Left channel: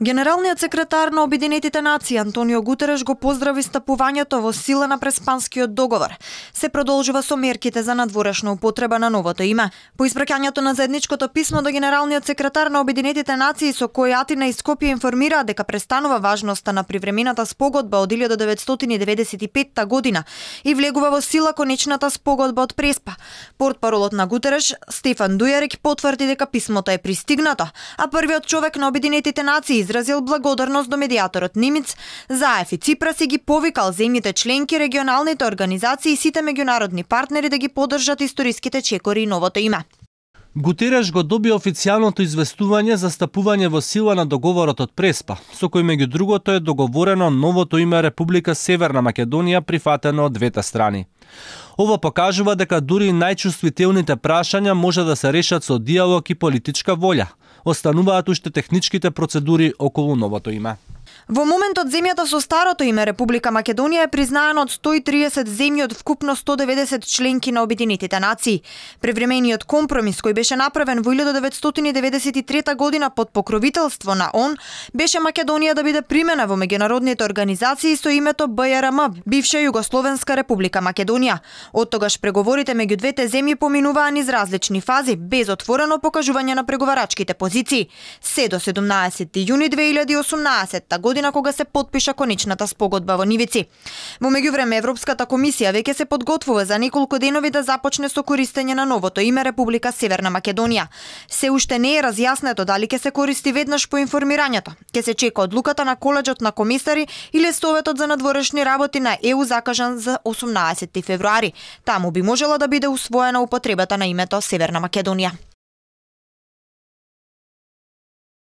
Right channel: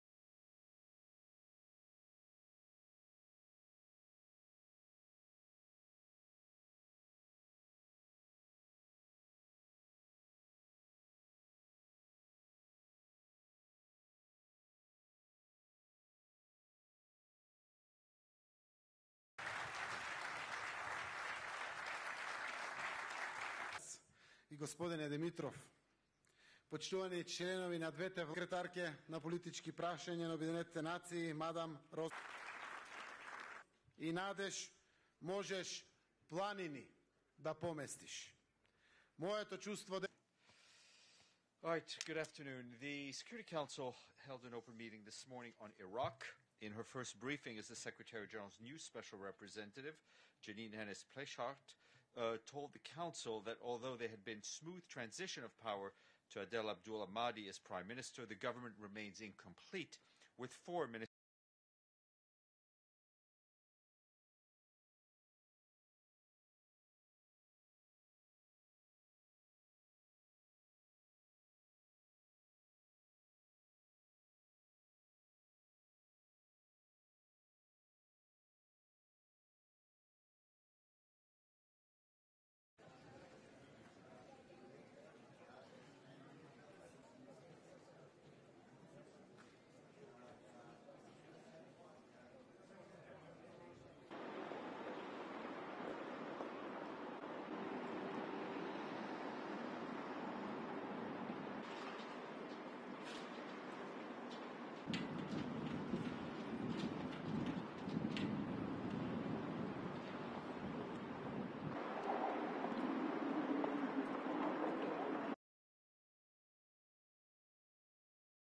Генералниот секретар на Обединетите нации Антонио Гутереш го поздрави стапувањето во сила на Преспанскиот договор. Се продолжува со мерките за надворешна употреба на новото име. По испраќањето на заедничкото писмо до генералниот секретар на Обединетите нации со кој Атина и Скопје информираа дека престанува важноста на привремената спогодба од 1995 година и влегува во сила конечната спогодба од Преспа. Портпаролот на Гутереш Стефан Дујарик потврди дека писмото е пристигнато, а првиот човек на Обединетите нации изразил благодарност до медијаторот Нимиц, Заев и Ципрас и ги повикал земјите членки, регионалните организации и сите меѓународни партнери да ги поддржат историските чекори и новото име. Гутереш го доби официјалното известување за стапување во сила на договорот од Преспа, со кој меѓу другото е договорено новото име Република Северна Македонија, прифатено од двете страни. Ова покажува дека дури најчувствителните прашања може да се решат со диалог и политичка волја. Остануваат уште техничките процедури околу новото име. Во моментот земјата со старото име Република Македонија е признаена од 130 земји од вкупно 190 членки на Обединетите нации. Превремениот компромис кој беше направен во 1993 година под покровителство на ООН беше Македонија да биде примена во меѓународните организации со името БРМ, бивша Југословенска Република Македонија. Оттогаш преговорите меѓу двете земји поминуваа низ различни фази, без отворено покажување на преговарачките позиции. Се до 17 јуни 2018 година кога се потпиша конечната спогодба во Нивици. Во меѓувреме Европската комисија веќе се подготвува за неколку денови да започне со користење на новото име Република Северна Македонија. Се уште не е разјаснето дали ќе се користи веднаш по информирањето. Ќе се чека одлуката на колеџот на комисари или Советот за надворешни работи на ЕУ закажан за 18 февруари. Таму би можела да биде усвоена употребата на името Северна Македонија.